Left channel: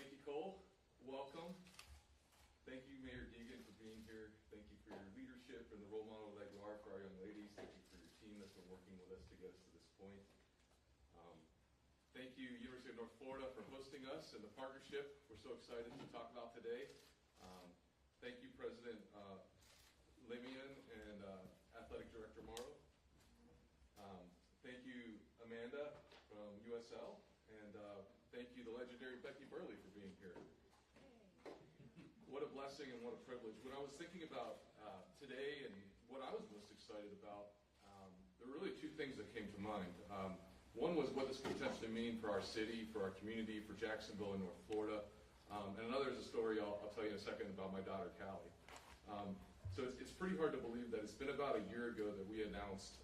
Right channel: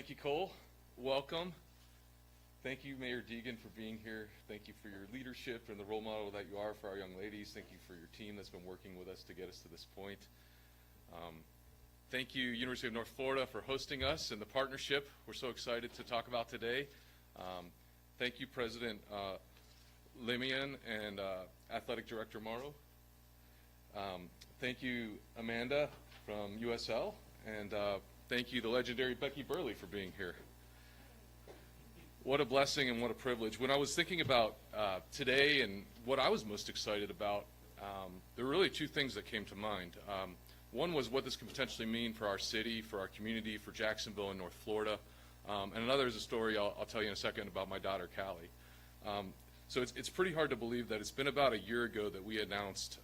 Thank you, Cole. Welcome. Thank you, Mayor Deegan, for being here. Thank you for your leadership and the role model that you are for our young ladies. Thank you for your team that's been working with us to get us to this point. Thank you, University of North Florida, for hosting us and the partnership we're so excited to talk about today. Thank you, President Limian and Athletic Director Morrow. Thank you, Amanda from USL, and thank you, the legendary Becky Burley, for being here. What a blessing and what a privilege. When I was thinking about today and what I was most excited about, there were really two things that came to mind. One was what this could potentially mean for our city, for our community, for Jacksonville and North Florida. And another is a story I'll tell you in a second about my daughter, Callie. So it's pretty hard to believe that it's been about a year ago that we announced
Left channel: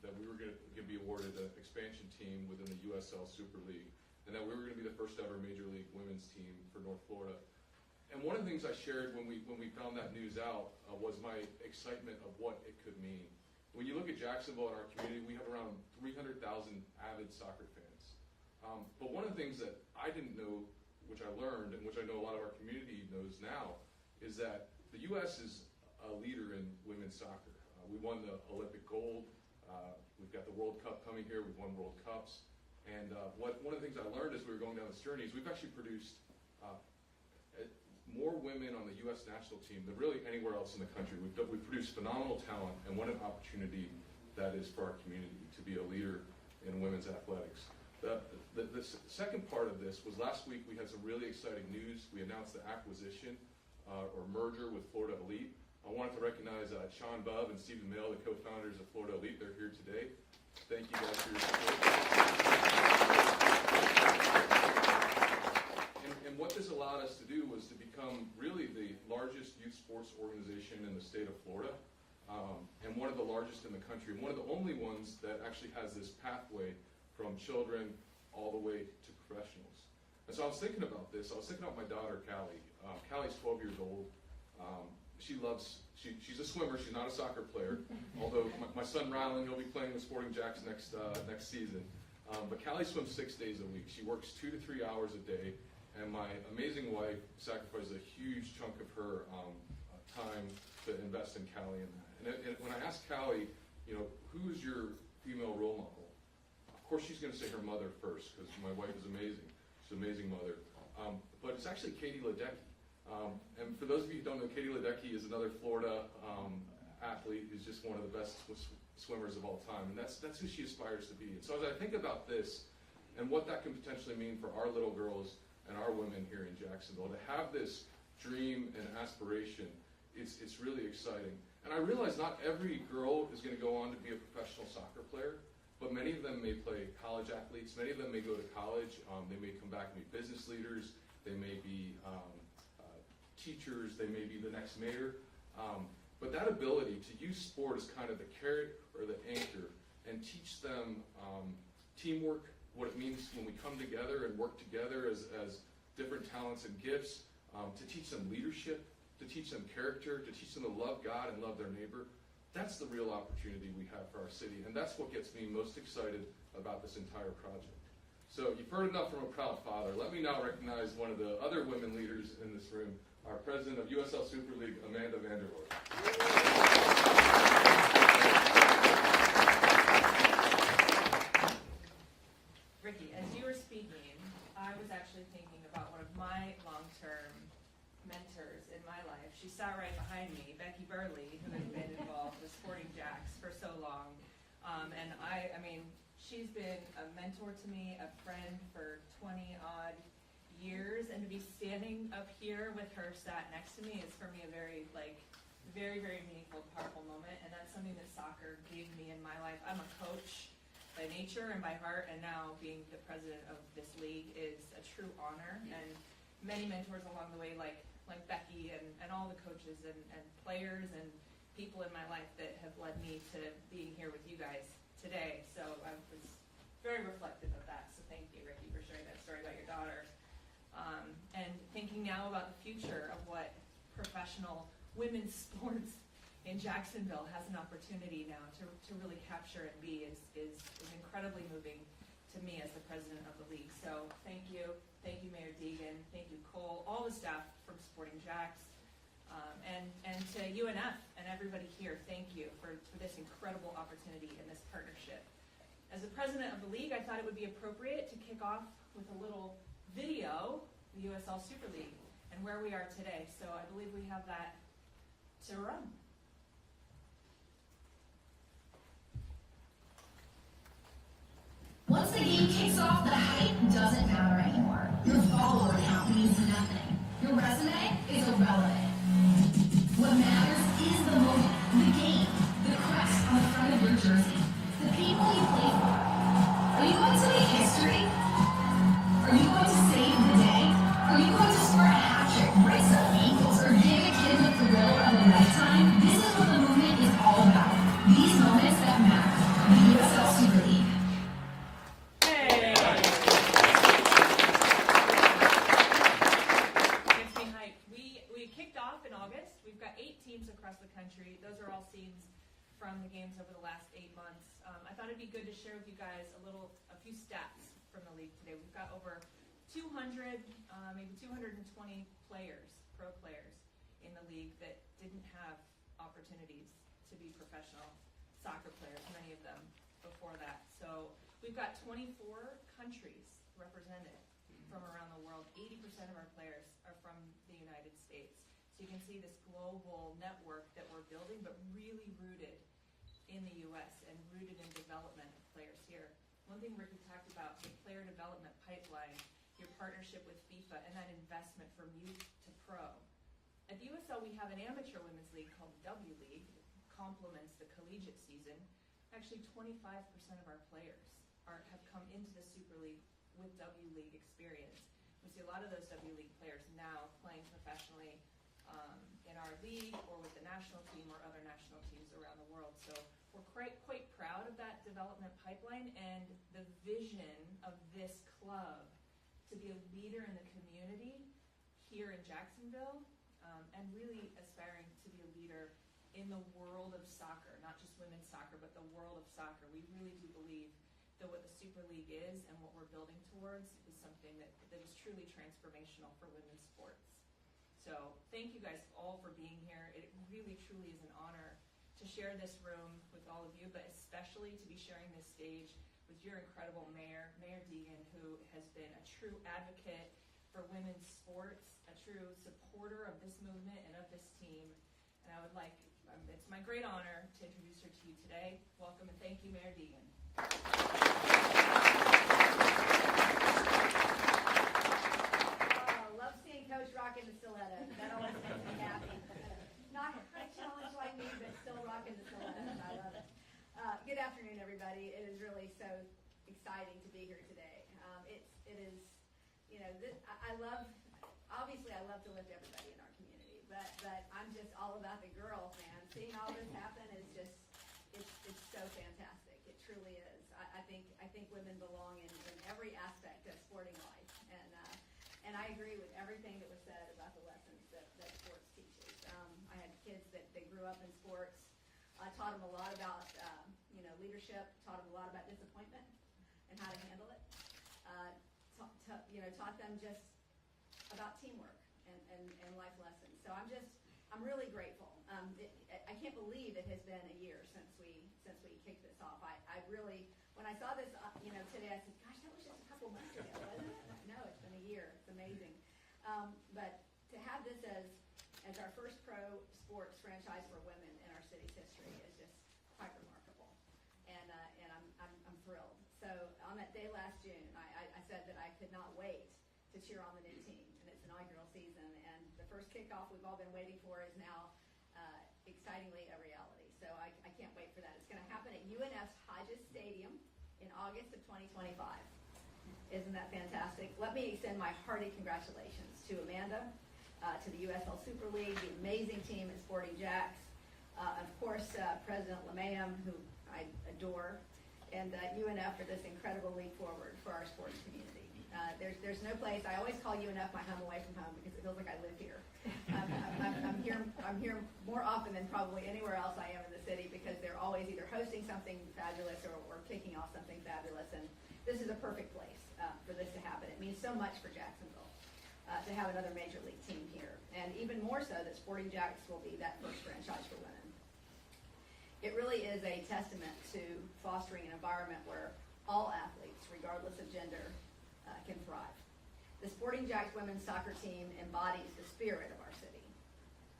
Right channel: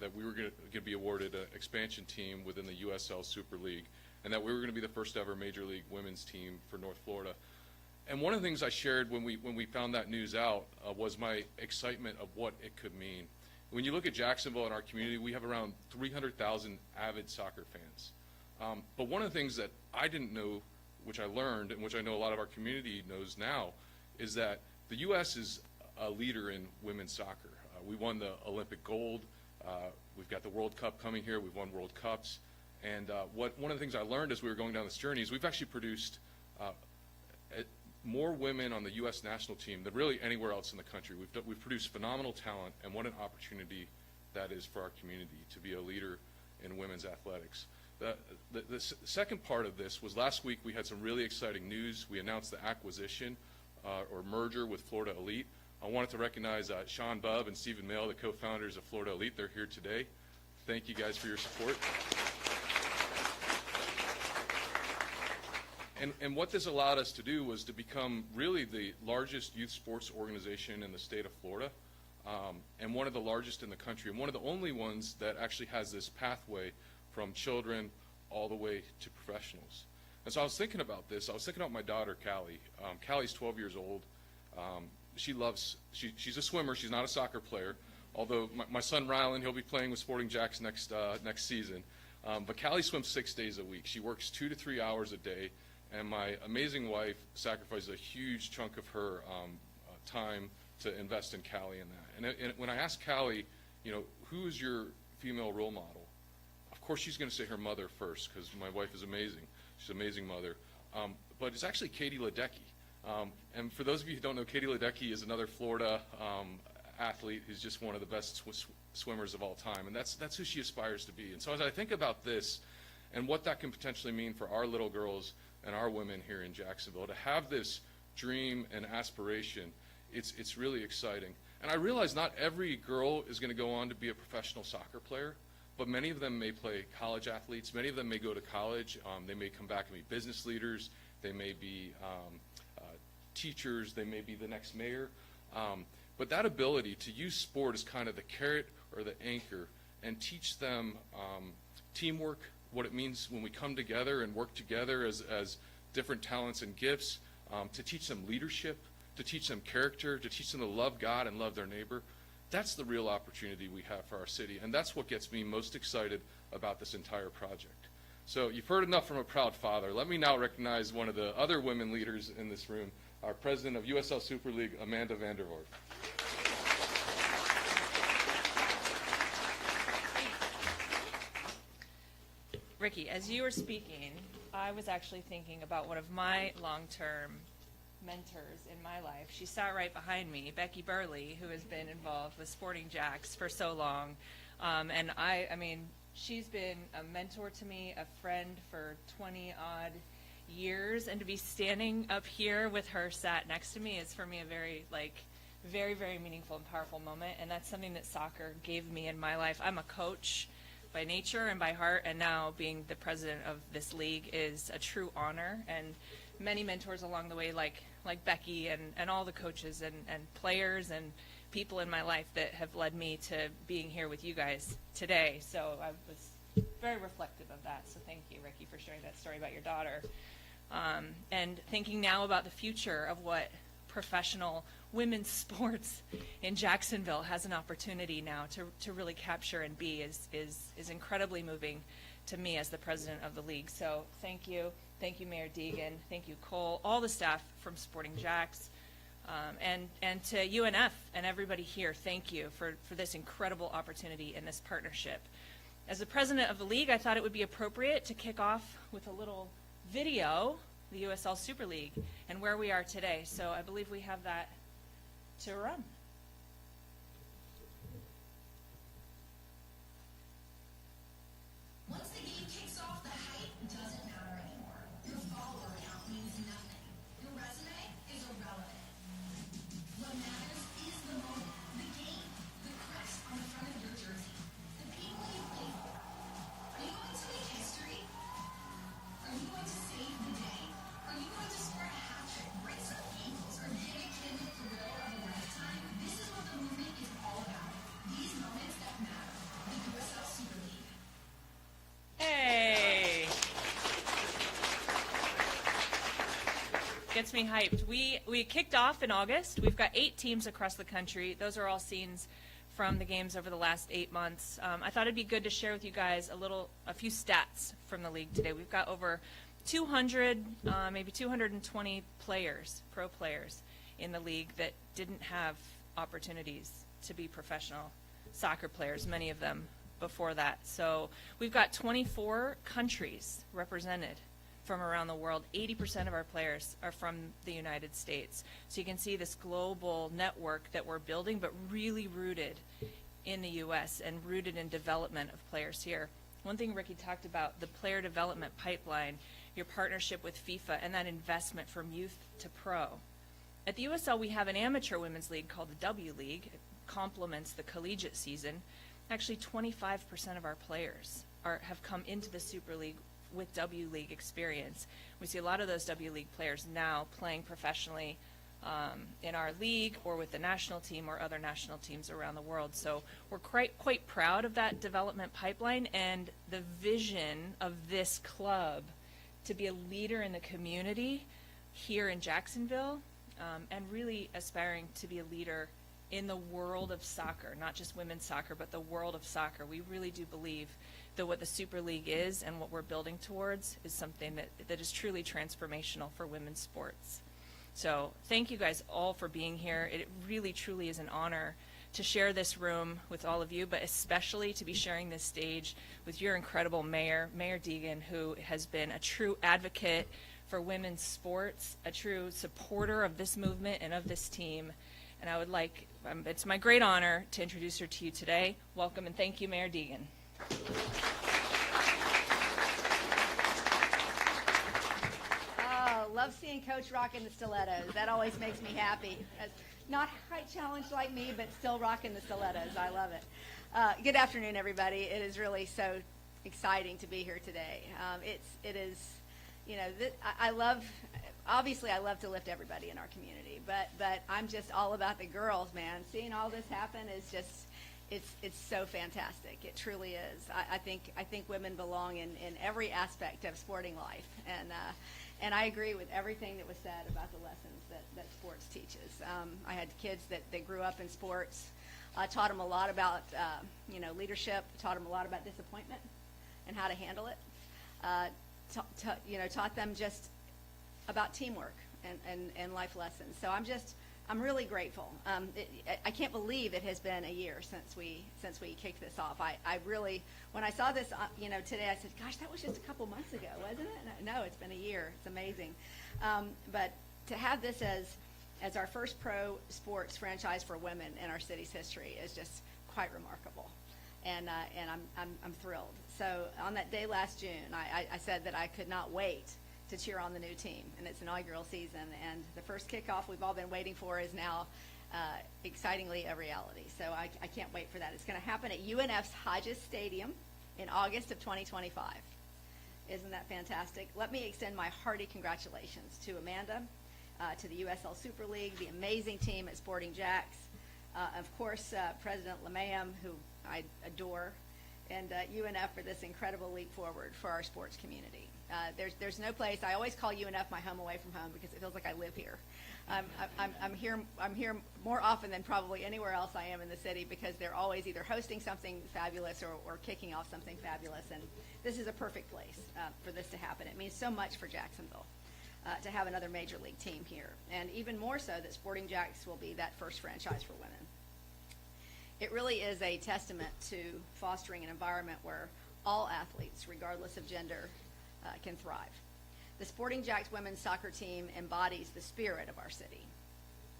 that we were going to be awarded an expansion team within the USL Super League, and that we were going to be the first ever Major League women's team for North Florida. And one of the things I shared when we found that news out was my excitement of what it could mean. When you look at Jacksonville and our community, we have around 300,000 avid soccer fans. But one of the things that I didn't know, which I learned, and which I know a lot of our community knows now, is that the U.S. is a leader in women's soccer. We won the Olympic gold. We've got the World Cup coming here. We've won World Cups. And one of the things I learned as we were going down this journey is we've actually produced more women on the U.S. national team than really anywhere else in the country. We've produced phenomenal talent, and what an opportunity that is for our community to be a leader in women's athletics. The second part of this was last week we had some really exciting news. We announced the acquisition or merger with Florida Elite. I wanted to recognize Sean Bubb and Stephen Mail, the co-founders of Florida Elite. They're here today. Thank you guys for your support. And what this allowed us to do was to become really the largest youth sports organization in the state of Florida, and one of the largest in the country, and one of the only ones that actually has this pathway from children all the way to professionals. And so I was thinking about this. I was thinking about my daughter, Callie. Callie's 12 years old. She's a swimmer. She's not a soccer player, although my son, Rylan, he'll be playing with Sporting Jacks next season. But Callie swims 6 days a week. She works 2 to 3 hours a day. And my amazing wife sacrificed a huge chunk of her time to invest in Callie in that. And when I asked Callie, who's your female role model? Of course, she's going to say her mother first, because my wife is amazing. She's an amazing mother. But it's actually Katie Ledecky. And for those of you who don't know, Katie Ledecky is another Florida athlete who's just one of the best swimmers of all time. And that's who she aspires to be. And so as I think about this and what that can potentially mean for our little girls and our women here in Jacksonville, to have this dream and aspiration, it's really exciting. And I realize not every girl is going to go on to be a professional soccer player, but many of them may play college athletes. Many of them may go to college. They may come back and be business leaders. They may be teachers. They may be the next mayor. But that ability to use sport as kind of the carrot or the anchor and teach them teamwork, what it means when we come together and work together as different talents and gifts, to teach them leadership, to teach them character, to teach them to love God and love their neighbor. That's the real opportunity we have for our city, and that's what gets me most excited about this entire project. So you've heard enough from a proud father. Let me now recognize one of the other women leaders in this room, our president of USL Super League, Amanda Vandervoort. Ricky, as you were speaking, I was actually thinking about one of my long-term mentors in my life. She sat right behind me, Becky Burley, who has been involved with Sporting Jacks for so long. And I mean, she's been a mentor to me, a friend for 20-odd years. And to be standing up here with her sat next to me is for me a very, very meaningful and powerful moment. And that's something that soccer gave me in my life. I'm a coach by nature and by heart, and now being the president of this league is a true honor. And many mentors along the way, like Becky and all the coaches and players and people in my life that have led me to being here with you guys today. So I was very reflective of that. So thank you, Ricky, for sharing that story about your daughter. And thinking now about the future of what professional women's sports in Jacksonville has an opportunity now to really capture and be is incredibly moving to me as the president of the league. So thank you, Mayor Deegan, thank you, Cole, all the staff from Sporting Jacks, and to UNF and everybody here, thank you for this incredible opportunity and this partnership. As the president of the league, I thought it would be appropriate to kick off with a little video, the USL Super League, and where we are today. So I believe we have that to run. Once the game kicks off, the hype doesn't matter anymore. Your follower count means nothing. Your resume is irrelevant. What matters is the moment, the game, the crest on the front of your jersey, the people you play for. Are you going to make history? Are you going to save the day? Are you going to score a hat trick, break some ankles, or give a kid the thrill of a lifetime? This is what the movement is all about. These moments that matter. The USL Super League. Hey! Gets me hyped. We kicked off in August. We've got 8 teams across the country. Those are all scenes from the games over the last 8 months. I thought it'd be good to share with you guys a few stats from the league today. We've got over 200, maybe 220 players, pro players in the league that didn't have opportunities to be professional soccer players, many of them before that. So we've got 24 countries represented from around the world. 80% of our players are from the United States. So you can see this global network that we're building, but really rooted in the U.S. and rooted in development of players here. One thing Ricky talked about, the player development pipeline, your partnership with FIFA, and that investment from youth to pro. At the USL, we have an amateur women's league called the W League. It complements the collegiate season. Actually, 25% of our players have come into the Super League with W League experience. We see a lot of those W League players now playing professionally in our league or with the national team or other national teams around the world. So we're quite proud of that development pipeline and the vision of this club to be a leader in the community here in Jacksonville, and really aspiring to be a leader in the world of soccer, not just women's soccer, but the world of soccer. We really do believe that what the Super League is and what we're building towards is something that is truly transformational for women's sports. So thank you guys all for being here. It really, truly is an honor to share this room with all of you, but especially to be sharing this stage with your incredible mayor, Mayor Deegan, who has been a true advocate for women's sports, a true supporter of this movement and of this team. And I would like, it's my great honor to introduce her to you today. Welcome and thank you, Mayor Deegan. Oh, love seeing Coach rocking the stilettos. That always makes me happy. Not height challenged like me, but still rocking the stilettos. I love it. Good afternoon, everybody. It is really so exciting to be here today. It is, you know, I love to lift everybody in our community, but I'm just all about the girls, man. Seeing all this happen is just, it's so fantastic. It truly is. I think women belong in every aspect of sporting life, and I agree with everything that was said about the lessons that sports teaches. I had kids that grew up in sports. I taught them a lot about leadership. Taught them a lot about disappointment and how to handle it. Taught them just about teamwork and life lessons. So I'm really grateful. I can't believe it has been a year since we kicked this off. I really, when I saw this, today, I said, "Gosh, that was just a couple months ago, wasn't it?" No, it's been a year. It's amazing. But to have this as our first pro sports franchise for women in our city's history is just quite remarkable, and I'm thrilled. So on that day last June, I said that I could not wait to cheer on the new team in its inaugural season, and the first kickoff we've all been waiting for is now excitingly a reality. So I can't wait for that. It's going to happen at UNF's Hodges Stadium in August of 2025. Isn't that fantastic? Let me extend my hearty congratulations to Amanda, to the USL Super League, the amazing team at Sporting Jacks, of course President Lamam, who I adore, and UNF for this incredible leap forward for our sports community. There's no place. I always call UNF my home away from home because it feels like I live here. I'm here more often than probably anywhere else I am in the city because they're always either hosting something fabulous or kicking off something fabulous, and this is a perfect place for this to happen. It means so much for Jacksonville to have another major league team here, and even more so that Sporting Jacks will be that first franchise for women. It really is a testament to fostering an environment where all athletes, regardless of gender, can thrive. The Sporting Jacks women's soccer team embodies the spirit of our city:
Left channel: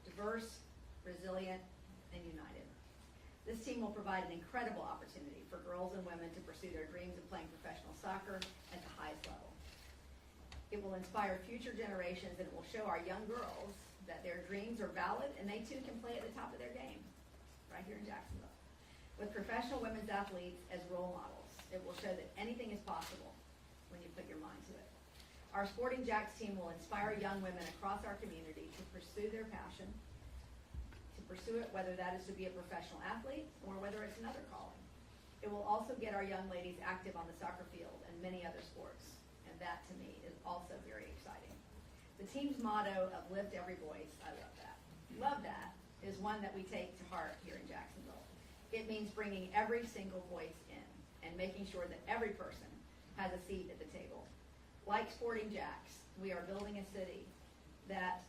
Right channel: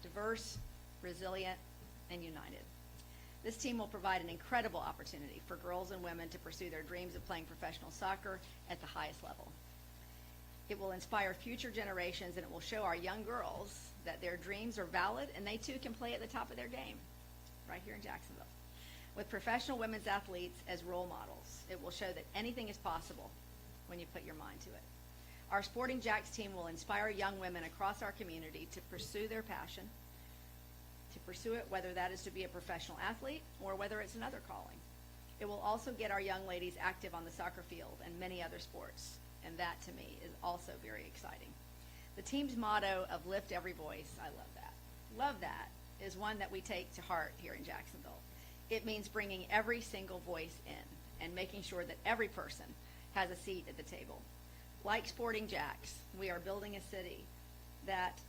diverse, resilient, and united. This team will provide an incredible opportunity for girls and women to pursue their dreams of playing professional soccer at the highest level. It will inspire future generations, and it will show our young girls that their dreams are valid and they too can play at the top of their game right here in Jacksonville. With professional women's athletes as role models, it will show that anything is possible when you put your mind to it. Our Sporting Jacks team will inspire young women across our community to pursue their passion, to pursue it whether that is to be a professional athlete or whether it's another calling. It will also get our young ladies active on the soccer field and many other sports, and that to me is also very exciting. The team's motto of lift every voice, I love that. Love that is one that we take to heart here in Jacksonville. It means bringing every single voice in and making sure that every person has a seat at the table. Like Sporting Jacks, we are building a city that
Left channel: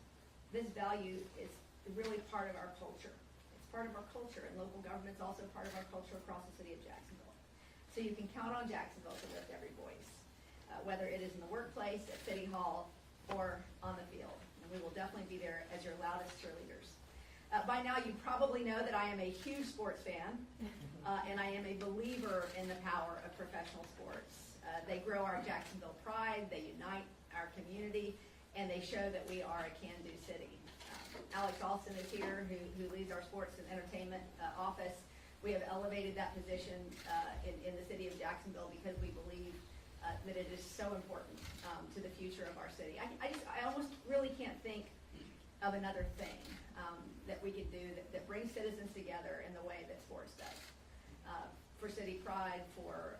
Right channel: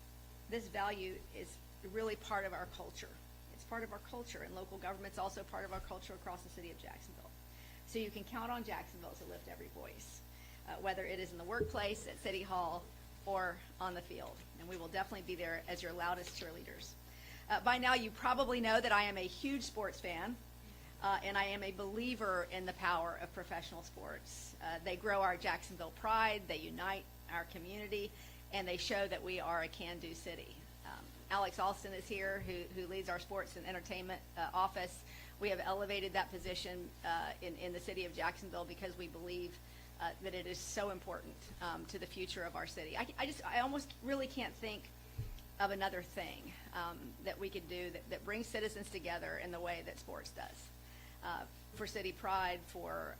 this value is really part of our culture. It's part of our culture, and local government's also part of our culture across the city of Jacksonville. So you can count on Jacksonville to lift every voice, whether it is in the workplace, at City Hall, or on the field. And we will definitely be there as your loudest cheerleaders. By now, you probably know that I am a huge sports fan, and I am a believer in the power of professional sports. They grow our Jacksonville pride, they unite our community, and they show that we are a can-do city. Alex Alston is here, who leads our sports and entertainment office. We have elevated that position in the city of Jacksonville because we believe that it is so important to the future of our city. I almost really can't think of another thing that we could do that brings citizens together in the way that sports does. For city pride, for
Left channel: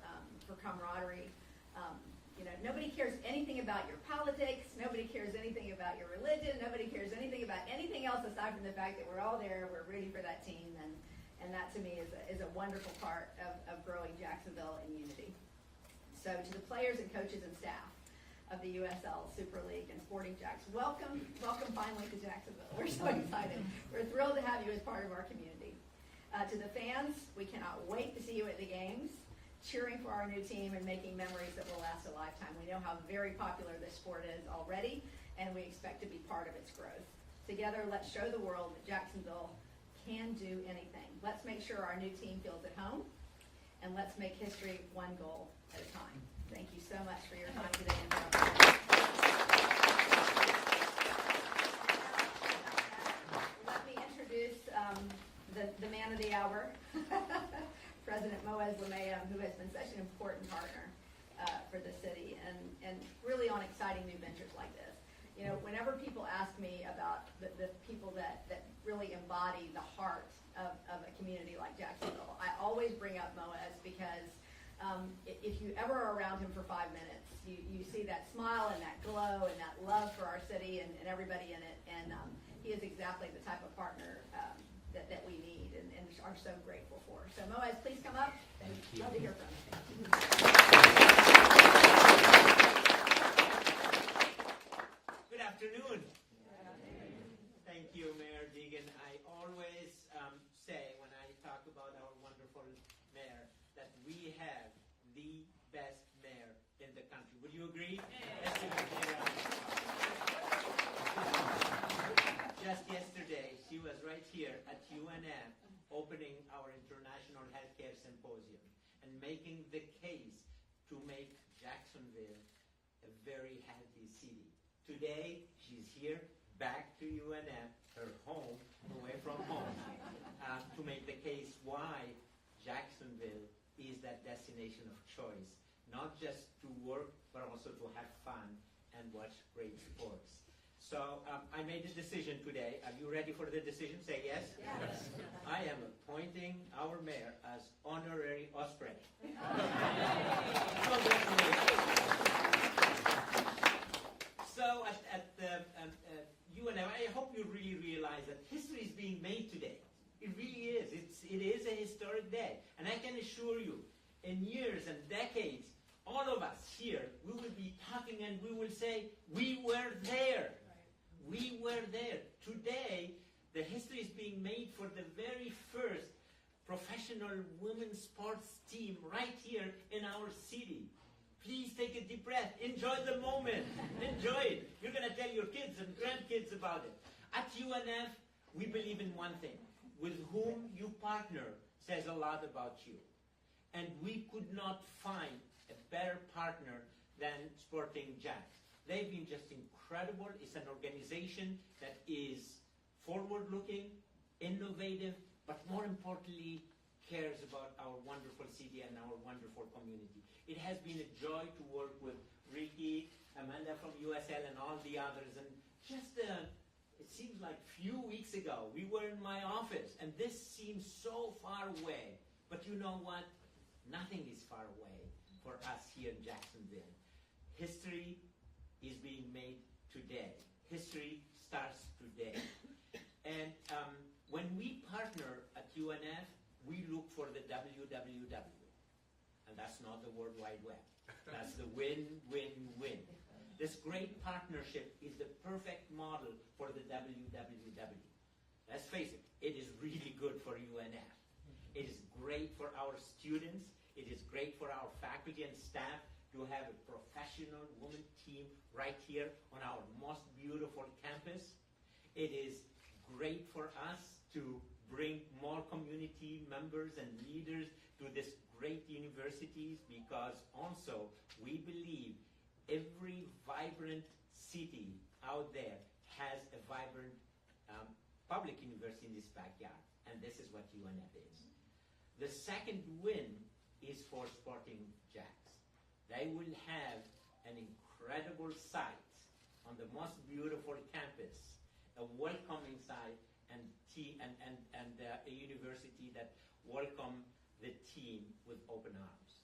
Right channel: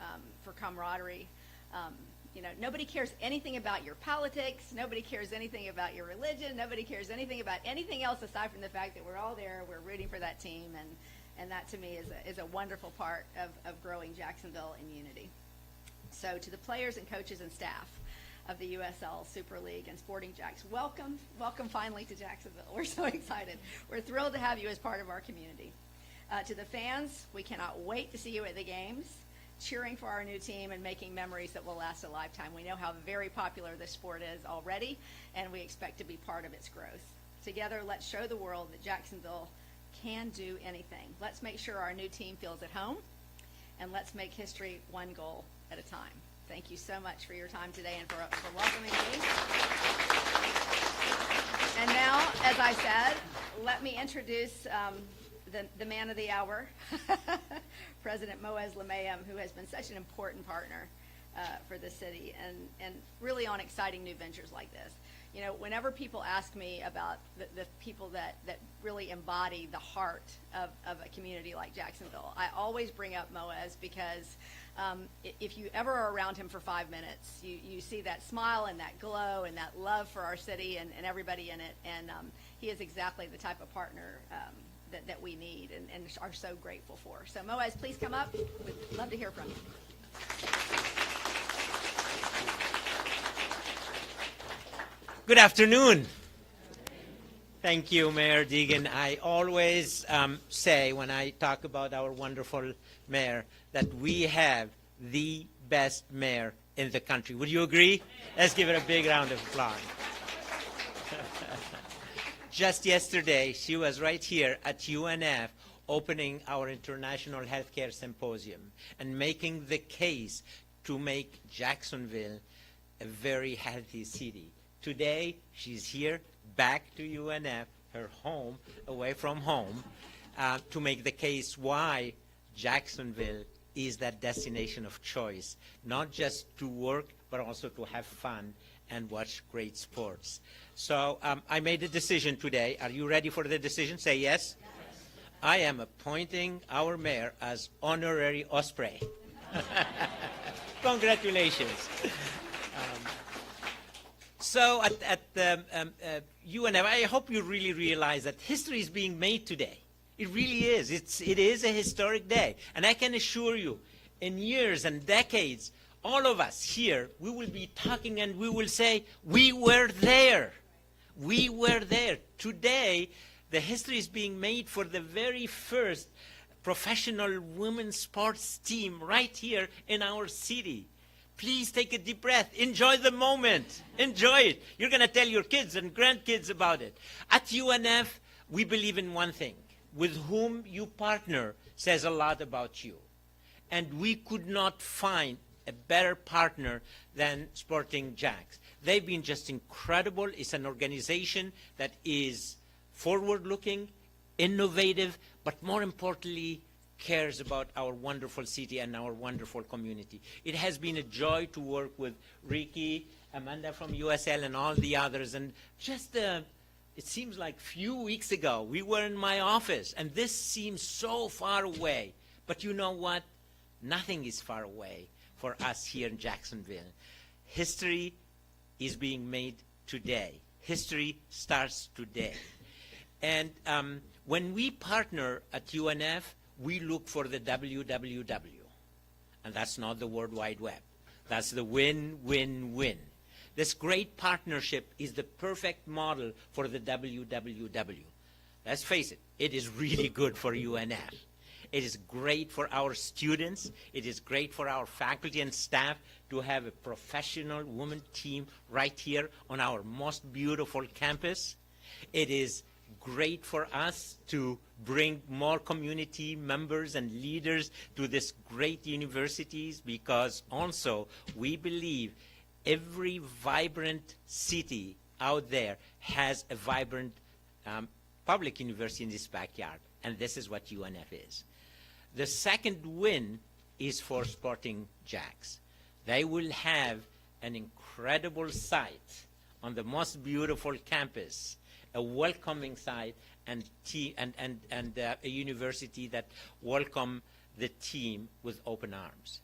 camaraderie. Nobody cares anything about your politics. Nobody cares anything about your religion. Nobody cares anything about anything else aside from the fact that we're all there, we're rooting for that team, and that to me is a wonderful part of growing Jacksonville in unity. So to the players and coaches and staff of the USL Super League and Sporting Jacks, welcome finally to Jacksonville. We're so excited. We're thrilled to have you as part of our community. To the fans, we cannot wait to see you at the games, cheering for our new team and making memories that will last a lifetime. We know how very popular this sport is already, and we expect to be part of its growth. Together, let's show the world that Jacksonville can do anything. Let's make sure our new team feels at home, and let's make history one goal at a time. Thank you so much for your time today and for welcoming me. And now, as I said, let me introduce the man of the hour, President Moaz Lamayem, who has been such an important partner for the city and really on exciting new ventures like this. Whenever people ask me about the people that really embody the heart of a community like Jacksonville, I always bring up Moaz because if you ever are around him for 5 minutes, you see that smile and that glow and that love for our city and everybody in it, and he is exactly the type of partner that we need and are so grateful for. So Moaz, please come up. We'd love to hear from you. Good afternoon. Thank you, Mayor Deegan. I always say when I talk about our wonderful mayor that we have the best mayor in the country. Would you agree? Let's give her a big round of applause. Just yesterday, she was right here at UNF opening our International Healthcare Symposium and making the case to make Jacksonville a very healthy city. Today, she's here back to UNF, her home, away from home, to make the case why Jacksonville is that destination of choice, not just to work, but also to have fun and watch great sports. So I made a decision today. Are you ready for the decision? Say yes. Yes. I am appointing our mayor as honorary Osprey. Congratulations. So at the UNF, I hope you really realize that history is being made today. It really is. It is a historic day. And I can assure you, in years and decades, all of us here, we will be talking and we will say, we were there. We were there. Today, the history is being made for the very first professional women's sports team right here in our city. Please take a deep breath. Enjoy the moment. Enjoy it. You're going to tell your kids and grandkids about it. At UNF, we believe in one thing. With whom you partner says a lot about you. And we could not find a better partner than Sporting Jacks. They've been just incredible. It's an organization that is forward-looking, innovative, but more importantly, cares about our wonderful city and our wonderful community. It has been a joy to work with Ricky, Amanda from USL, and all the others. And just, it seems like few weeks ago, we were in my office, and this seems so far away. But you know what? Nothing is far away for us here in Jacksonville. History is being made today. History starts today. And when we partner at UNF, we look for the WWW. And that's not the World Wide Web. That's the win, win, win. This great partnership is the perfect model for the WWW. Let's face it, it is really good for UNF. It is great for our students. It is great for our faculty and staff to have a professional women team right here on our most beautiful campus. It is great for us to bring more community members and leaders to this great universities, because also we believe every vibrant city out there has a vibrant public university in this backyard, and this is what UNF is. The second win is for Sporting Jacks. They will have an incredible site on the most beautiful campus, a welcoming site, and a university that welcome the team with open arms.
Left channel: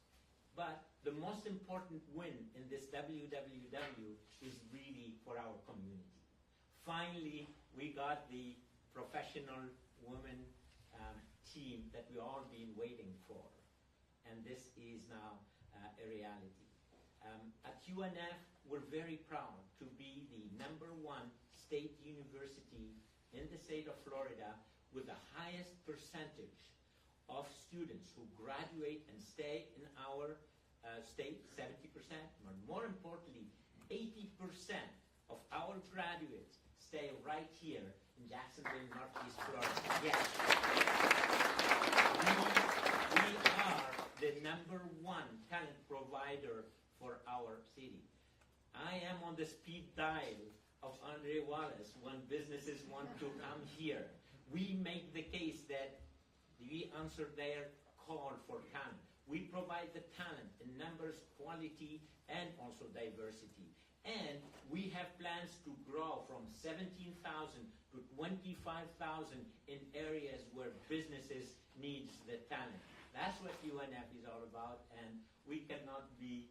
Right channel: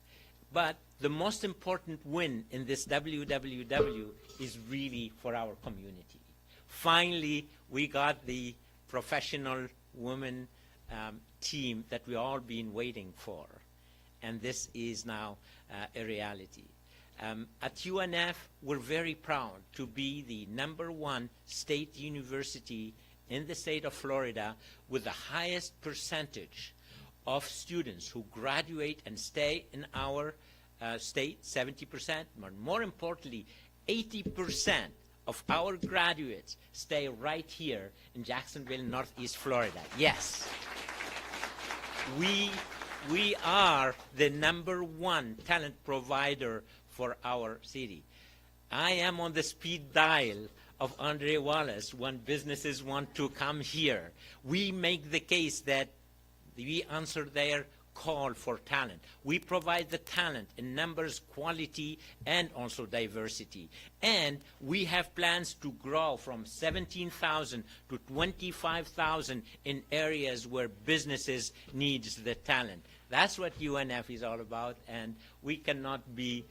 But the most important win in this WWW is really for our community. Finally, we got the professional women team that we all been waiting for, and this is now a reality. At UNF, we're very proud to be the #1 state university in the state of Florida with the highest percentage of students who graduate and stay in our state, 70%, but more importantly, 80% of our graduates stay right here in Jacksonville, Northeast Florida. Yes. We are the #1 talent provider for our city. I am on the speed dial of Andre Wallace when businesses want to come here. We make the case that we answer their call for talent. We provide the talent in numbers, quality, and also diversity. And we have plans to grow from 17,000 to 25,000 in areas where businesses needs the talent. That's what UNF is all about, and we cannot be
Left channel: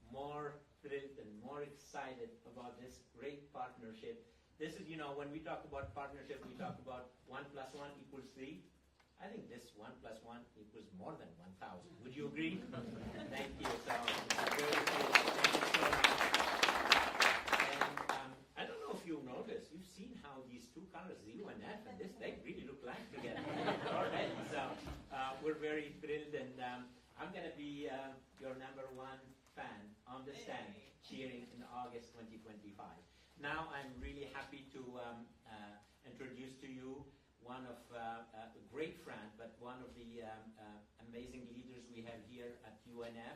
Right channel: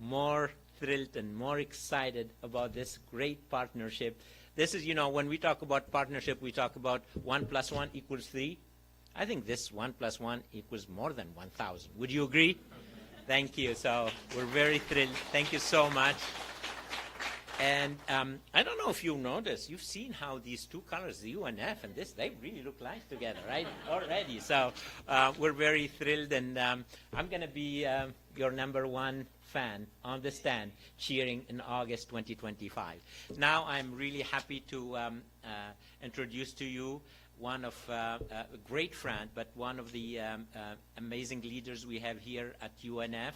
more thrilled and more excited about this great partnership. This is, when we talk about partnership, we talk about 1 + 1 = 3. I think this 1 + 1 = more than 1,000. Would you agree? Thank you. So we're very thrilled. Thank you so much. And I don't know if you noticed, you've seen how these two colors, the UNF and this, they really look like together, right? Already. So we're very thrilled, and I'm going to be your #1 fan on the stand cheering in August 2025. Now I'm really happy to introduce to you one of a great friend, but one of the amazing leaders we have here at UNF,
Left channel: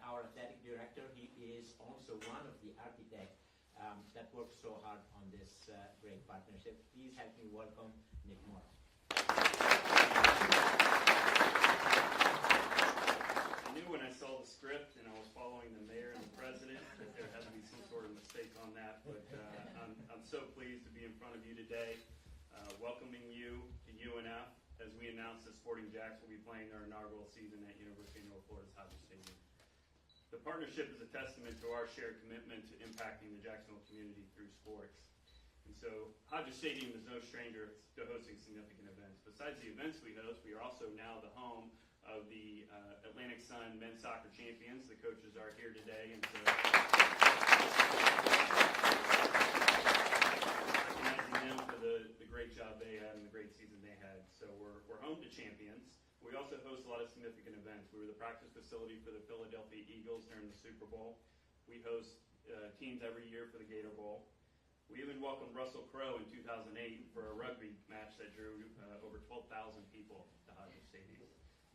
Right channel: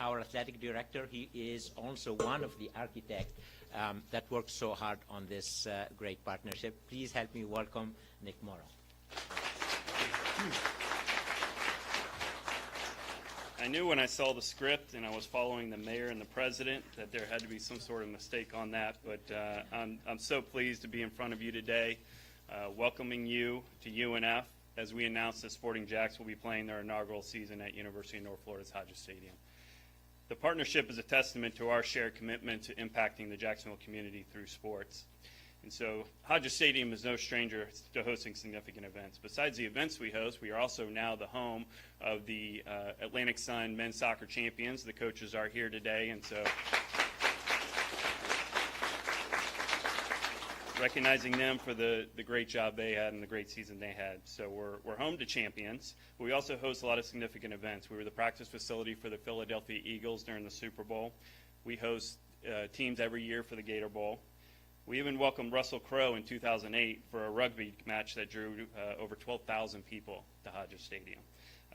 our athletic director. He is also one of the architects that worked so hard on this great partnership. Please help me welcome Nick Morrow. I knew when I saw the script and I was following the mayor and the president that there had to be some sort of mistake on that, but I'm so pleased to be in front of you today, welcoming you to UNF as we announce that Sporting Jacks will be playing their inaugural season at University of North Florida's Hodges Stadium. The partnership is a testament to our shared commitment to impacting the Jacksonville community through sports. And so Hodges Stadium is no stranger to hosting significant events. Besides the events we host, we are also now the home of the Atlantic Sun men's soccer champions. The coaches are here today, and so recognizing them for the great job they had and the great season they had. So we're home to champions. We also host a lot of significant events. We were the practice facility for the Philadelphia Eagles during the Super Bowl. We host teams every year for the Gator Bowl. We even welcomed Russell Crowe in 2008 for a rugby match that drew over 12,000 people to Hodges Stadium.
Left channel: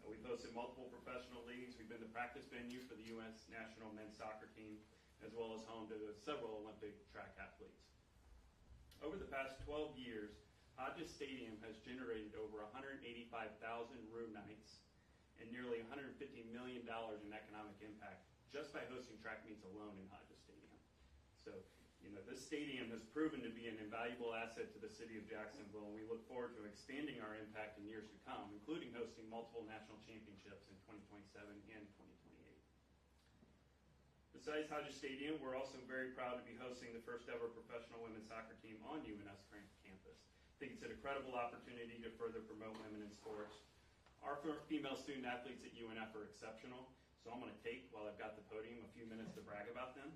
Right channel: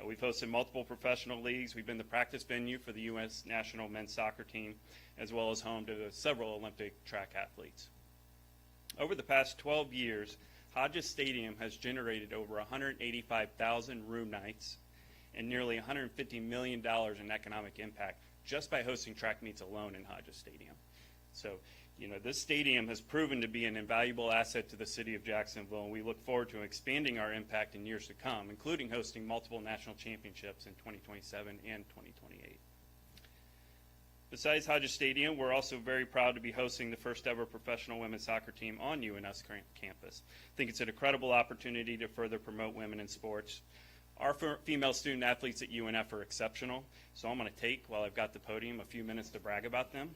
We've hosted multiple professional leagues. We've been the practice venue for the U.S. national men's soccer team, as well as home to several Olympic track athletes. Over the past 12 years, Hodges Stadium has generated over 185,000 room nights and nearly $150 million in economic impact just by hosting track meets alone in Hodges Stadium. So, this stadium has proven to be an invaluable asset to the city of Jacksonville, and we look forward to expanding our impact in years to come, including hosting multiple national championships in 2027 and 2028. Besides Hodges Stadium, we're also very proud to be hosting the first ever professional women's soccer team on UNF's campus. I think it's an incredible opportunity to further promote women in sports. Our female student athletes at UNF are exceptional, so I'm going to take, while I've got the podium, a few minutes to brag about them.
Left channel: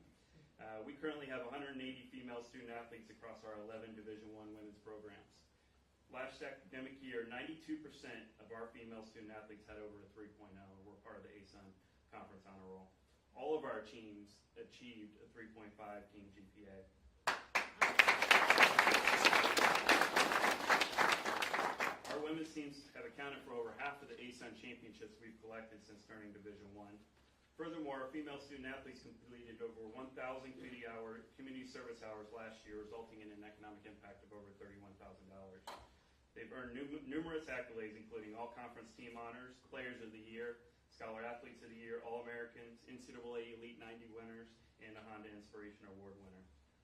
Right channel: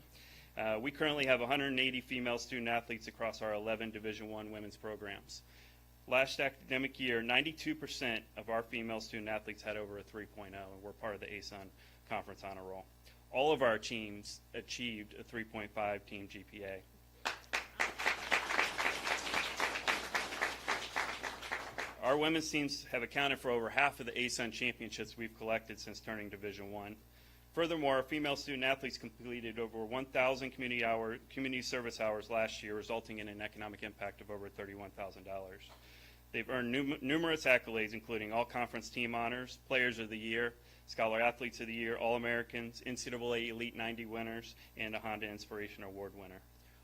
We currently have 180 female student athletes across our 11 Division I women's programs. Last academic year, 92% of our female student athletes had over a 3.0, and we're part of the ASUN Conference Honor Roll. All of our teams achieved a 3.5 team GPA. Our women's teams have accounted for over half of the ASUN championships we've collected since turning Division I. Furthermore, female student athletes completed over 1,000 community service hours last year, resulting in an economic impact of over $31,000. They've earned numerous accolades, including all-conference team honors, Players of the Year, Scholar Athletes of the Year, All-Americans, NCAA Elite 90 winners, and a Honda Inspiration Award winner.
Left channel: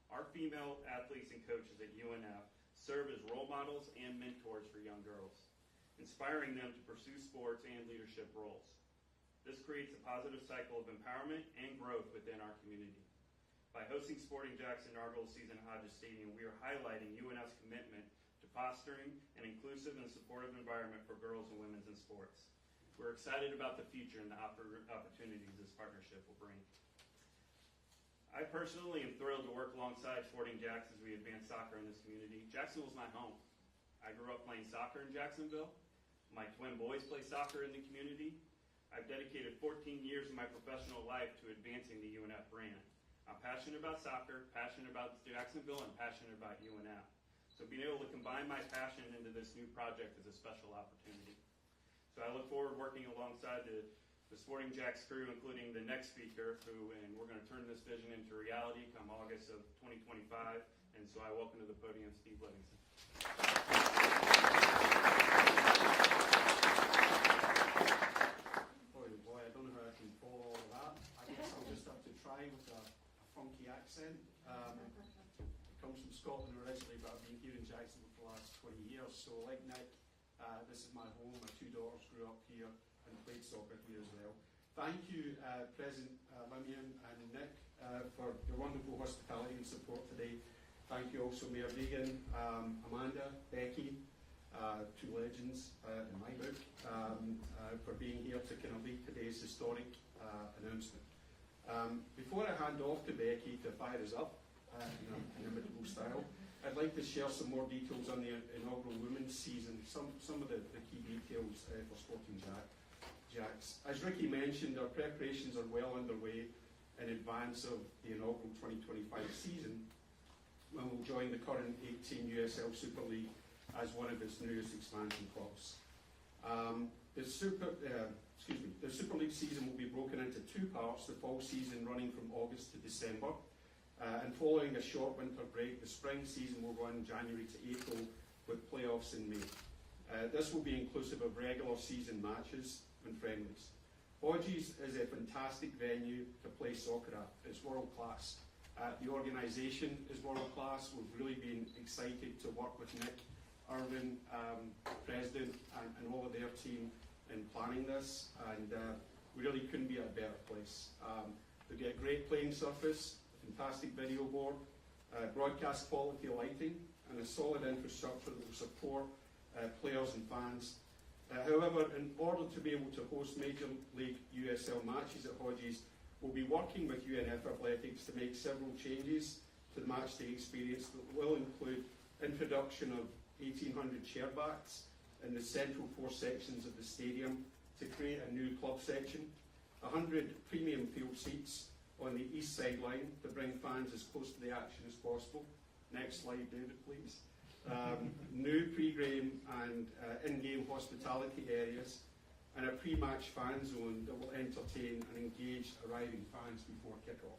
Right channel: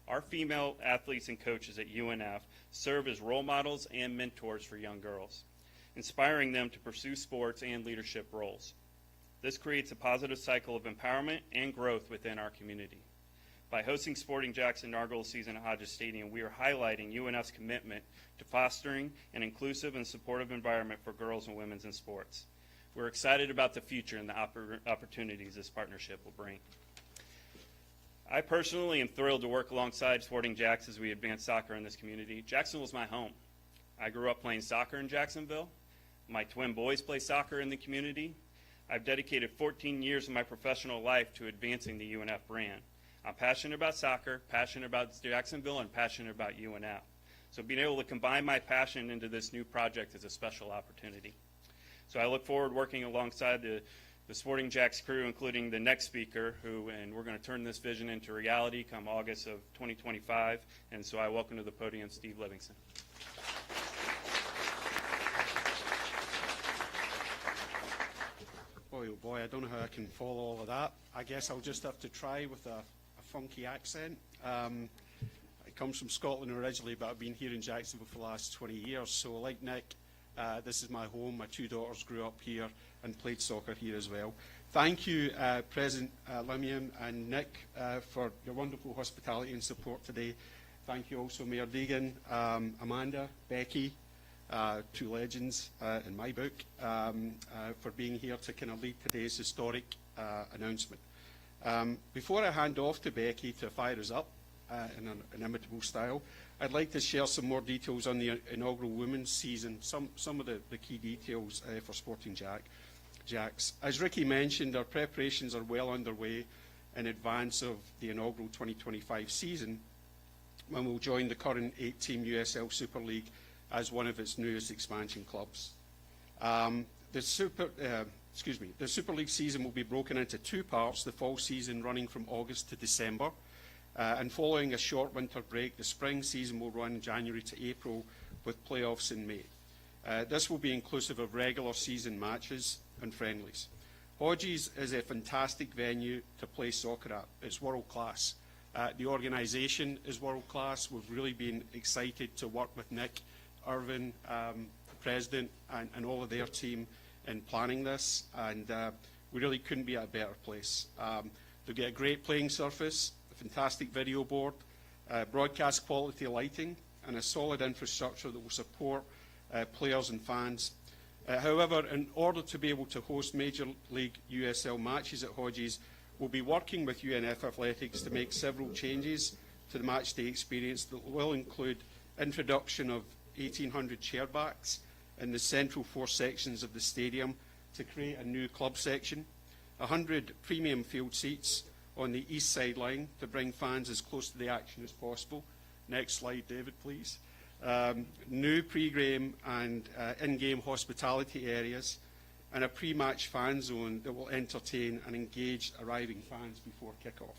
Our female athletes and coaches at UNF serve as role models and mentors for young girls, inspiring them to pursue sports and leadership roles. This creates a positive cycle of empowerment and growth within our community. By hosting Sporting Jack's inaugural season at Hodges Stadium, we are highlighting UNF's commitment to fostering an inclusive and supportive environment for girls and women in sports. We're excited about the future and the opportunities this partnership will bring. I personally am thrilled to work alongside Sporting Jack's as we advance soccer in this community. Jacksonville is my home. I grew up playing soccer in Jacksonville. My twin boys play soccer in the community. I've dedicated 14 years of my professional life to advancing the UNF brand. I'm passionate about soccer, passionate about Jacksonville, and passionate about UNF. So being able to combine my passion into this new project is a special opportunity. So I look forward to working alongside the Sporting Jack's crew, including the next speaker, and we're going to turn this vision into reality come August of 2025. And so I welcome to the podium Steve Livingston. Boy, I don't know how I can follow all of that. I guess I'll just have to try with a funky accent. I come from Scotland originally, but I've been here in Jacksonville for the last 20 years. So like Nick, this is my home. My two daughters grew up here and played soccer here as well. Thank you, President Limian and Nick, for your wonderful hospitality and support today. Thank you also, Mayor Deegan, Amanda, Becky, two legends in my book, for being here to kind of lead today's historic announcement. Before I hand off to Becky to fire us up in an inimitable style, I'd like to share some more details on the inaugural women's season, some of the key details for Sporting Jack's. As Ricky mentioned, our preparations are well underway in advance of the inaugural 2025 season, when we'll join the current 8-team USL Super League as one of its newest expansion clubs. The Super League season will be broken into two parts, the fall season running from August to December, and following a short winter break, the spring season will run January to April with playoffs in May. This will be inclusive of regular season matches and friendlies. Hodges is a fantastic venue to play soccer at. It's world class. The organisation is world class. We've really been excited to work with Nick, Irvin, President, and all of their team in planning this, and we really couldn't be at a better place. They'll get a great playing surface, a fantastic video board, broadcast quality lighting, and a solid infrastructure that will support players and fans. However, in order to be able to host Major League USL matches at Hodges, we'll be working with UNF Athletics to make several changes to the match day experience that will include introduction of 1,800 chairbacks in the central 4 sections of the stadium to create a new club section, 100 premium field seats on the east sideline to bring fans as close to the action as possible. Next slide, David, please. New pre-game and in-game hospitality areas, and a pre-match fan zone that will entertain and engage arriving fans before kick-off.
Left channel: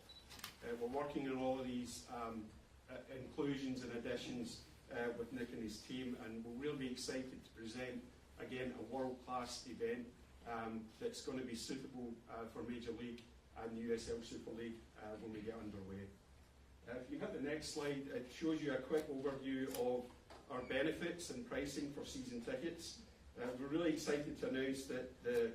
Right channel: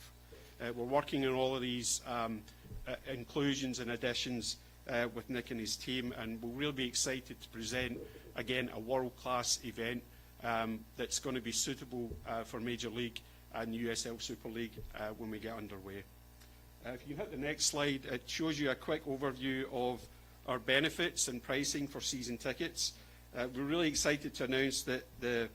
We're working on all of these inclusions and additions with Nick and his team, and we'll really be excited to present, again, a world-class event that's going to be suitable for Major League and USL Super League when we get underway. If you hit the next slide, it shows you a quick overview of our benefits and pricing for season tickets. We're really excited to announce that the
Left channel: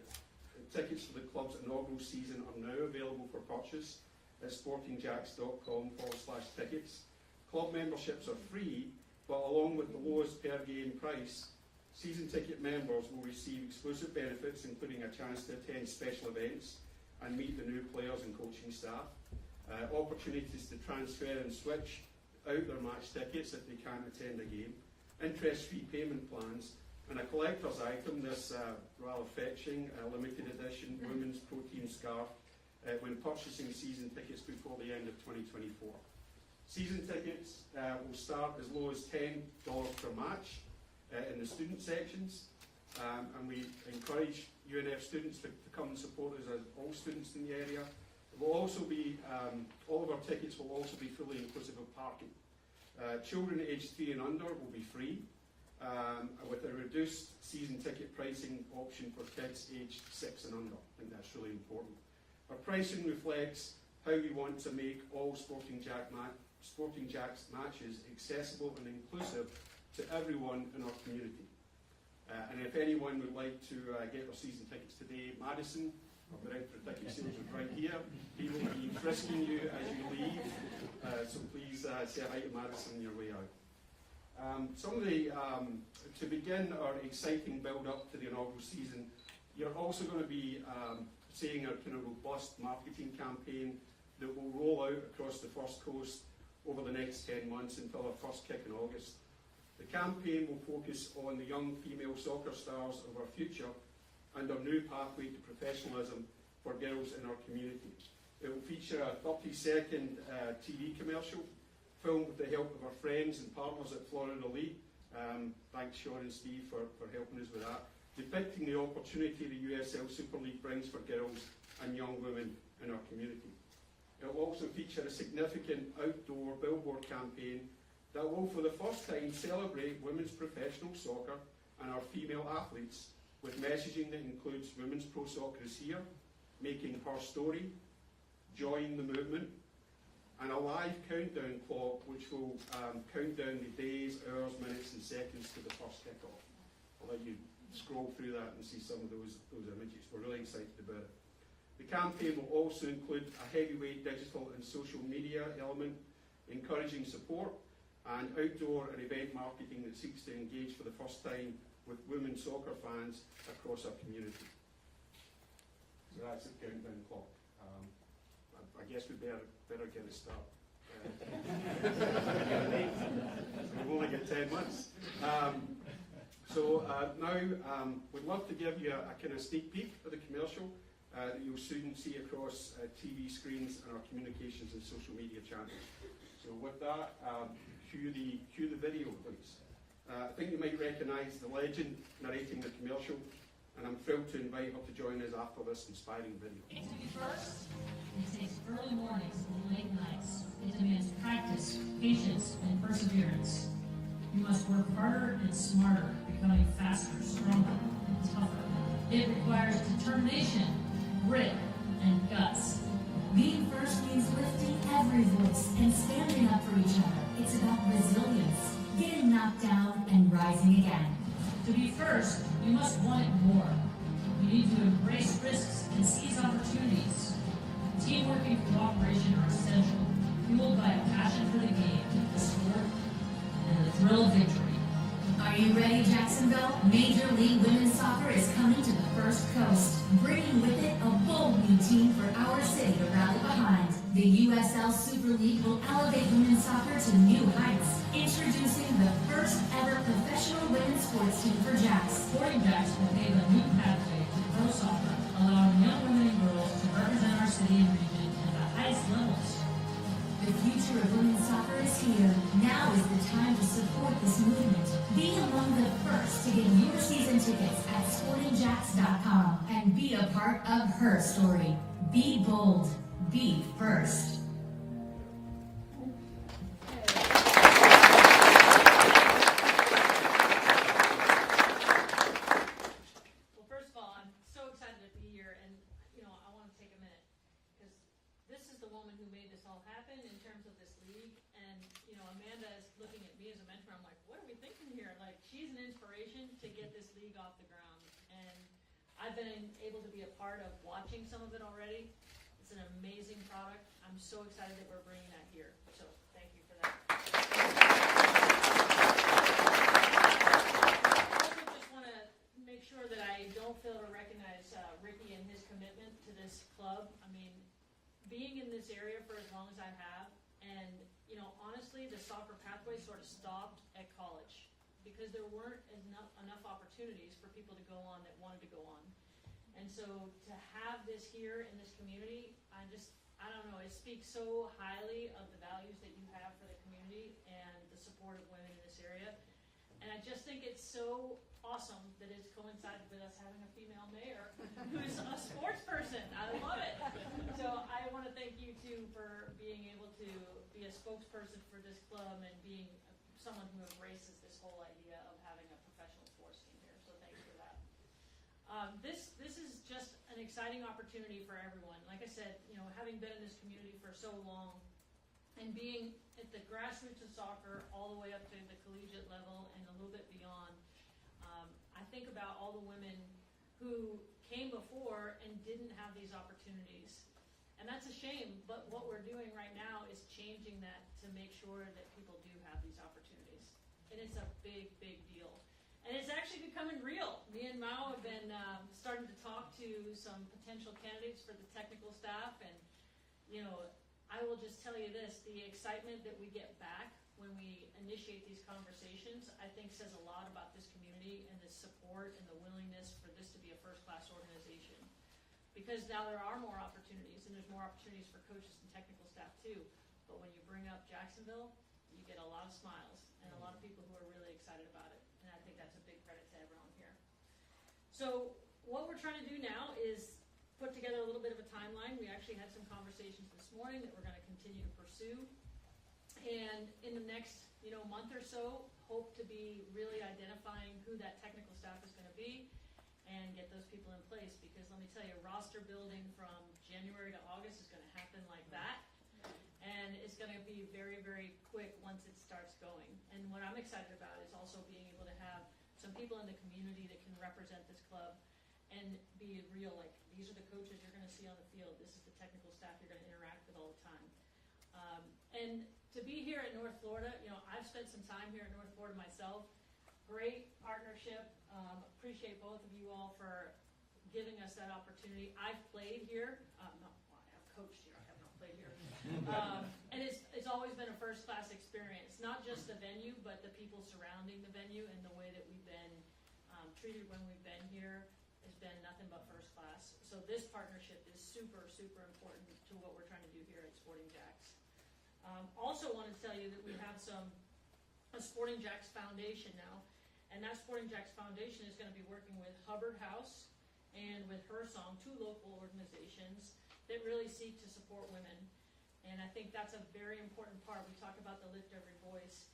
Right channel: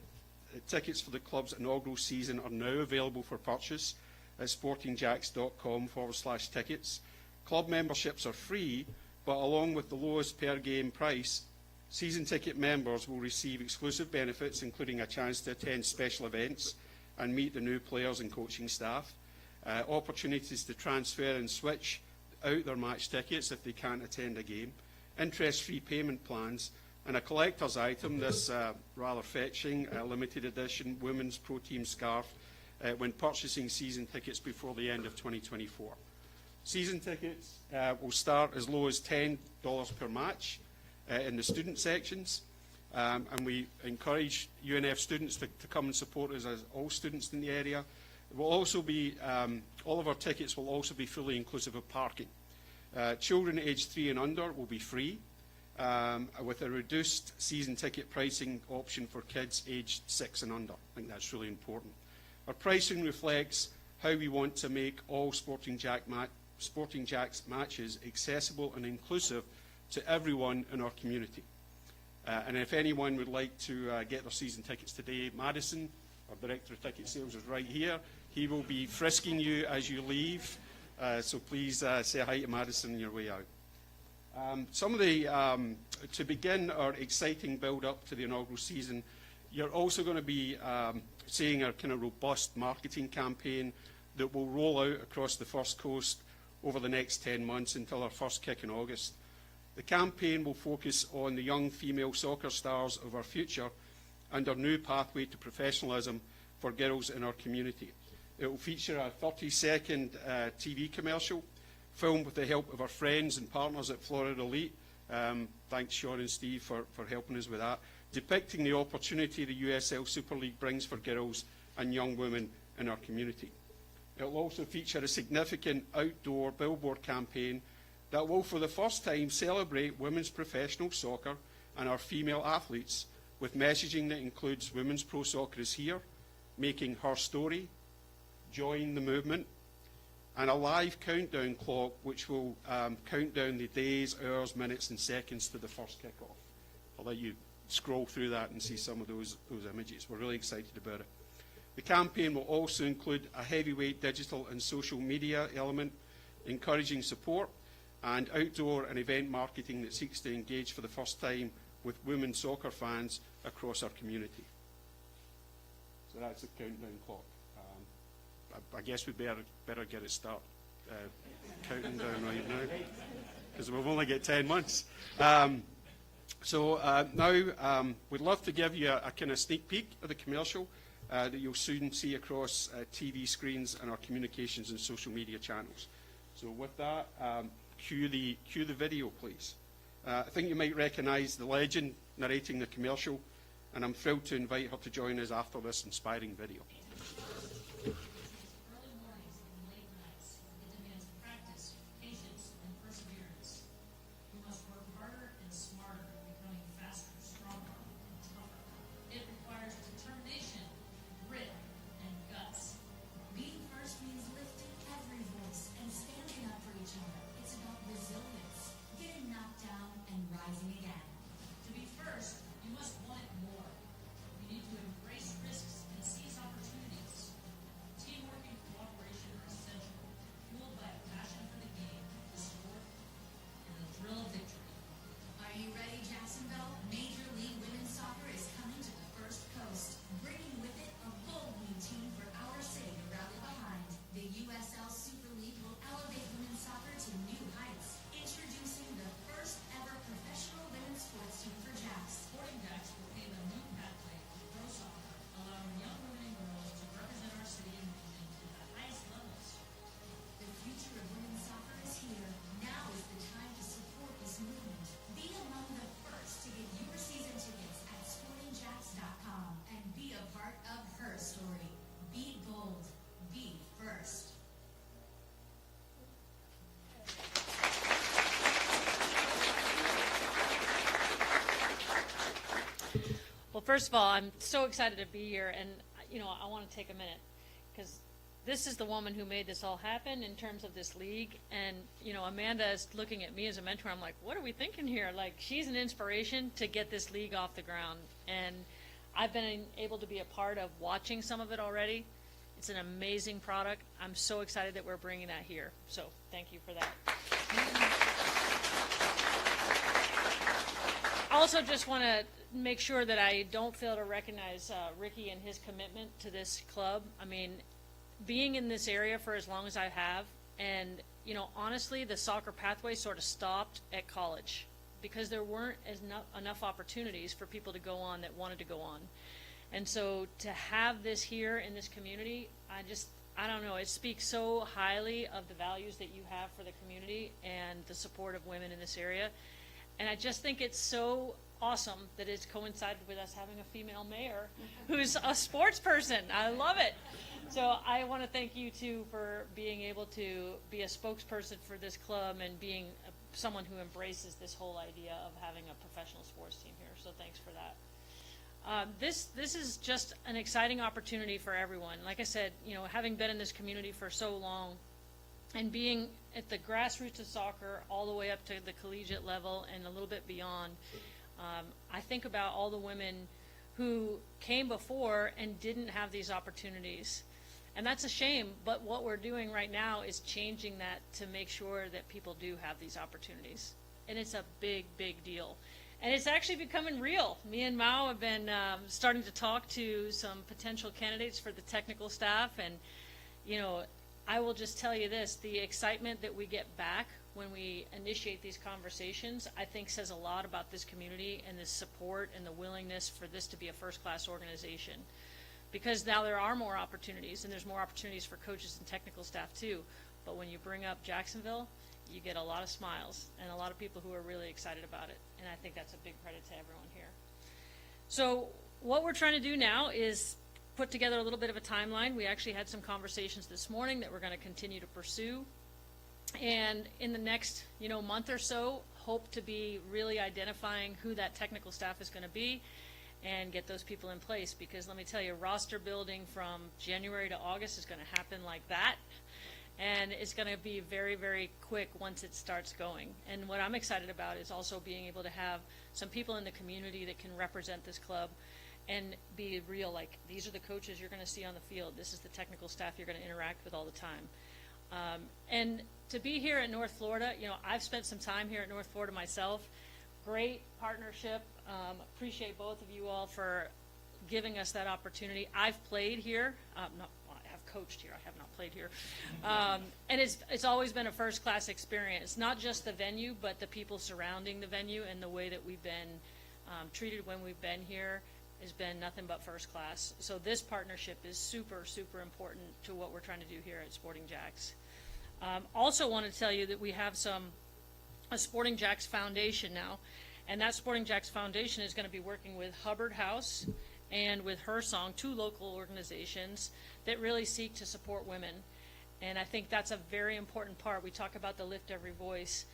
tickets for the club's inaugural season are now available for purchase at sportingjacks.com/tickets. Club memberships are free, but along with the lowest per game price, season ticket members will receive exclusive benefits, including a chance to attend special events and meet the new players and coaching staff, opportunities to transfer and switch out their match tickets if they can't attend a game, interest-free payment plans, and a collector's item, this rather fetching limited edition women's pro team scarf when purchasing season tickets before the end of 2024. Season tickets will start as low as $10 per match in the student sections, and we encourage UNF students to come and support us as all students in the area. It will also be, all of our tickets will also be fully inclusive of parking. Children aged 3 and under will be free, with a reduced season ticket pricing option for kids aged 6 and under. I think that's really important. Our pricing reflects how we want to make all Sporting Jacks matches accessible and inclusive to everyone in our community. And if anyone would like to get their season tickets today, Madison, our Director of Ticket Sales, is right here. He will be frisking you as you leave, so please say hi to Madison on your way out. Some of the, to begin our exciting build-up to the inaugural season, you're also going to be seeing a kind of robust marketing campaign that will roll out across the First Coast over the next 10 months until our first kick in August. The campaign will focus on the young female soccer stars of our future and our new pathway to professionalism for girls in our community. It will feature a 30-second TV commercial filmed with the help of our friends and partners at Florida Elite. Thanks, Sean and Steve, for helping us with that, depicting the opportunity the USL Super League brings for girls and young women in our community. It will also feature a significant outdoor billboard campaign that will, for the first time, celebrate women's professional soccer and our female athletes with messaging that includes women's pro soccer is here, making her story, join the movement, and a live countdown clock which will count down the days, hours, minutes and seconds to the first kickoff. I'll let you scroll through that and see some of those images. We're really excited about it. The campaign will also include a heavyweight digital and social media element, encouraging support, and outdoor and event marketing that seeks to engage for the first time with women soccer fans across our community. So that's the countdown clock. I guess we'd better get it started. Because we've only got 10 months. Now we'd love to give you a kind of sneak peek of the commercial that you'll soon see across TV screens and our communications and social media channels. So with that, cue the video, please. I think you might recognise the legend narrating the commercial, and I'm thrilled to invite her to join us after this inspiring video. It takes early mornings and late nights. It demands practice, patience, and perseverance. You must work harder and smarter, becoming faster, stronger, and tougher. It requires determination, grit, and guts. Being first means lifting every voice and standing up for each other. It's about resilience, getting knocked down and rising again. To be first, you must want it more. You need to embrace risks and seize opportunities. Teamwork and cooperation are essential, fueled by a passion for the game. USL Major League Women's Soccer is coming to the First Coast, bringing with it a bold new team for our city to rally behind. The USL Super League will elevate women's soccer to new heights, introducing the first ever professional women's sports team for Jacks. Sporting Jacks will pave a new pathway to pro soccer, allowing young women and girls to represent our city and region at the highest levels. The future of women's soccer is here. Now is the time to support this movement. Be among the first to get your season tickets at sportingjacks.com and be a part of her story. Be bold. Be first. Well, first of all, I'm so excited to be here, and I want to take a minute because this is the woman who made this all happen in terms of this league. And Amanda is looking at me as a mentor. I'm like, what are we thinking here? Like, she's an inspiration to get this league off the ground, and I've been able to be a part of watching some of it already. It's an amazing product. I'm so excited that we're bringing that here. So thank you for that. I also just want to make sure that I don't fail to recognize Ricky and his commitment to this club. I mean, being in this area for as long as I have, and honestly, the soccer pathway sort of stopped at college because there weren't enough opportunities for people to go on that wanted to go on. And so to have this here in this community, I don't know, it speaks so highly of the values that you have for the community and the support of women in this area. And I just think it's so awesome that it's coincided with us having a female mayor who's a sports person. I love it. So I want to thank you too for being able to be a spokesperson for this club and being someone who embraces this whole idea of having a professional sports team here. So thanks for that. This is just an exciting opportunity for everyone. Like I said, having been in this community for so long and being at the grassroots of soccer all the way up to the collegiate level and a little bit beyond, I think about all the women who came before and didn't have these opportunities. And that's a shame, but what we're doing right now is changing that to make sure that people do have these opportunities. And it's a big, big deal. And it's actually becoming real. Me and Mao have been starting to talk to some potential candidates for the technical staff. And, I will just tell you this, the excitement that we get back when we initiate these conversations, I think says a lot about this community and the support and the willingness for this to be a first-class organization. Because now there are more opportunities, and there's more opportunities for coaches and technical staff too. But when you bring up Jacksonville, you get a lot of smiles and a lot of people who are really excited about it. And I think that's a big credit to everyone here. So what we're trying to do now is put together a little bit of a timeline. We actually had some conversations this morning that we're going to continue to pursue. And in the next, month or so, hope to be really identifying who that technical staff is going to be and get those people in place. Because let me tell you, roster building from January to August is going to happen like that. And it's going to be very, very quick once it starts going. And what I'm excited about is also being able to have some people in the community that can represent this club and be real, like, these are the coaches you're going to see on the field. This is the technical staff you're going to interact with all the time. And to be here in North Florida, I've spent some time here at North Florida myself. Great partnership. Appreciate both of you all for giving us that opportunity. I've played here. I have coached here. I have not played here. And it's always been a first-class experience, not just the venue, but the people surrounding the venue and the way that we've been treated when we've been here has been nothing but first class. So this partnership is super, super important to what we're trying to do here at Sporting Jacks. Also want to tell you that we have a Sporting Jacks Foundation now, and that Sporting Jacks Foundation is going to be working with Hubbard House and with Her Song, two local organizations that really seek to support women. And I think that's a very important part. We talk about the Lift Every Voice.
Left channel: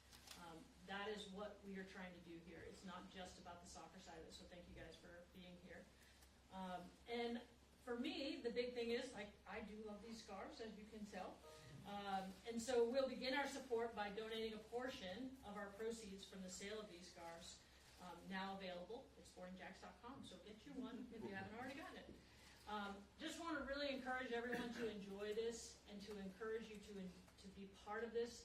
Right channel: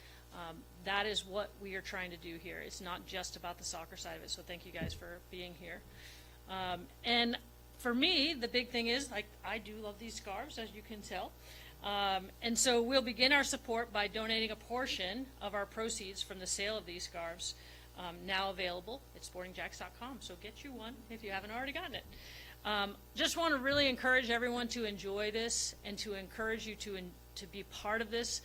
That is what we are trying to do here. It's not just about the soccer side of it, so thank you guys for being here. And for me, the big thing is, I do love these scarves, as you can tell. And so we'll begin our support by donating a portion of our proceeds from the sale of these scarves, now available at sportingjacks.com. So get you one if you haven't already gotten it. Just want to really encourage everyone to enjoy this and to encourage you to be part of this.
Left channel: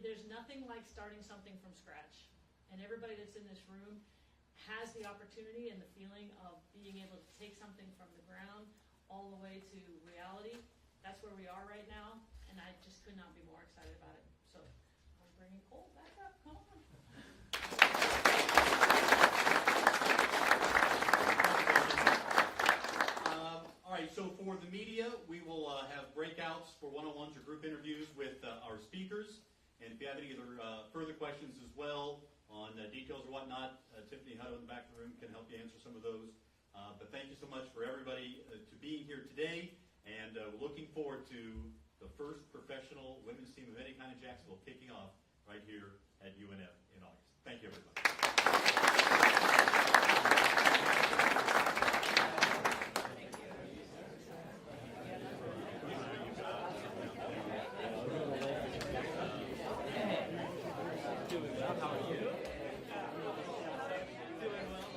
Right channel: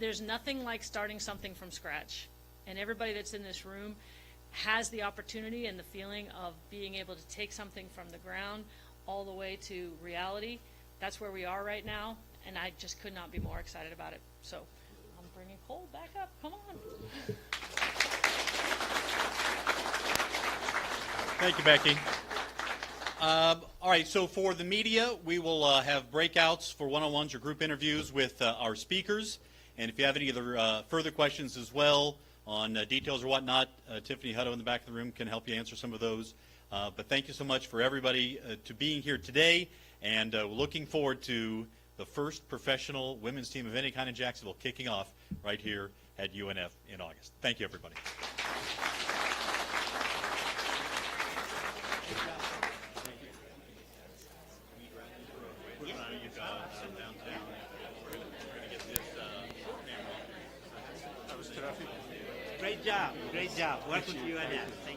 There's nothing like starting something from scratch. And everybody that's in this room has the opportunity and the feeling of being able to take something from the ground all the way to reality. That's where we are right now, and I just could not be more excited about it. So I'm bringing Cole back up. Come on. Thank you, Becky. All right, so for the media, we will have breakouts for one-on-ones or group interviews with our speakers. And if you have any other further questions as well on details or whatnot, Tiffany Hutto in the back of the room can help you answer some of those. But thank you so much for everybody to being here today, and looking forward to the first professional women's team of any kind in Jacksonville kicking off right here at UNF in August. Thank you, everybody. Great job. Welcome to UNF.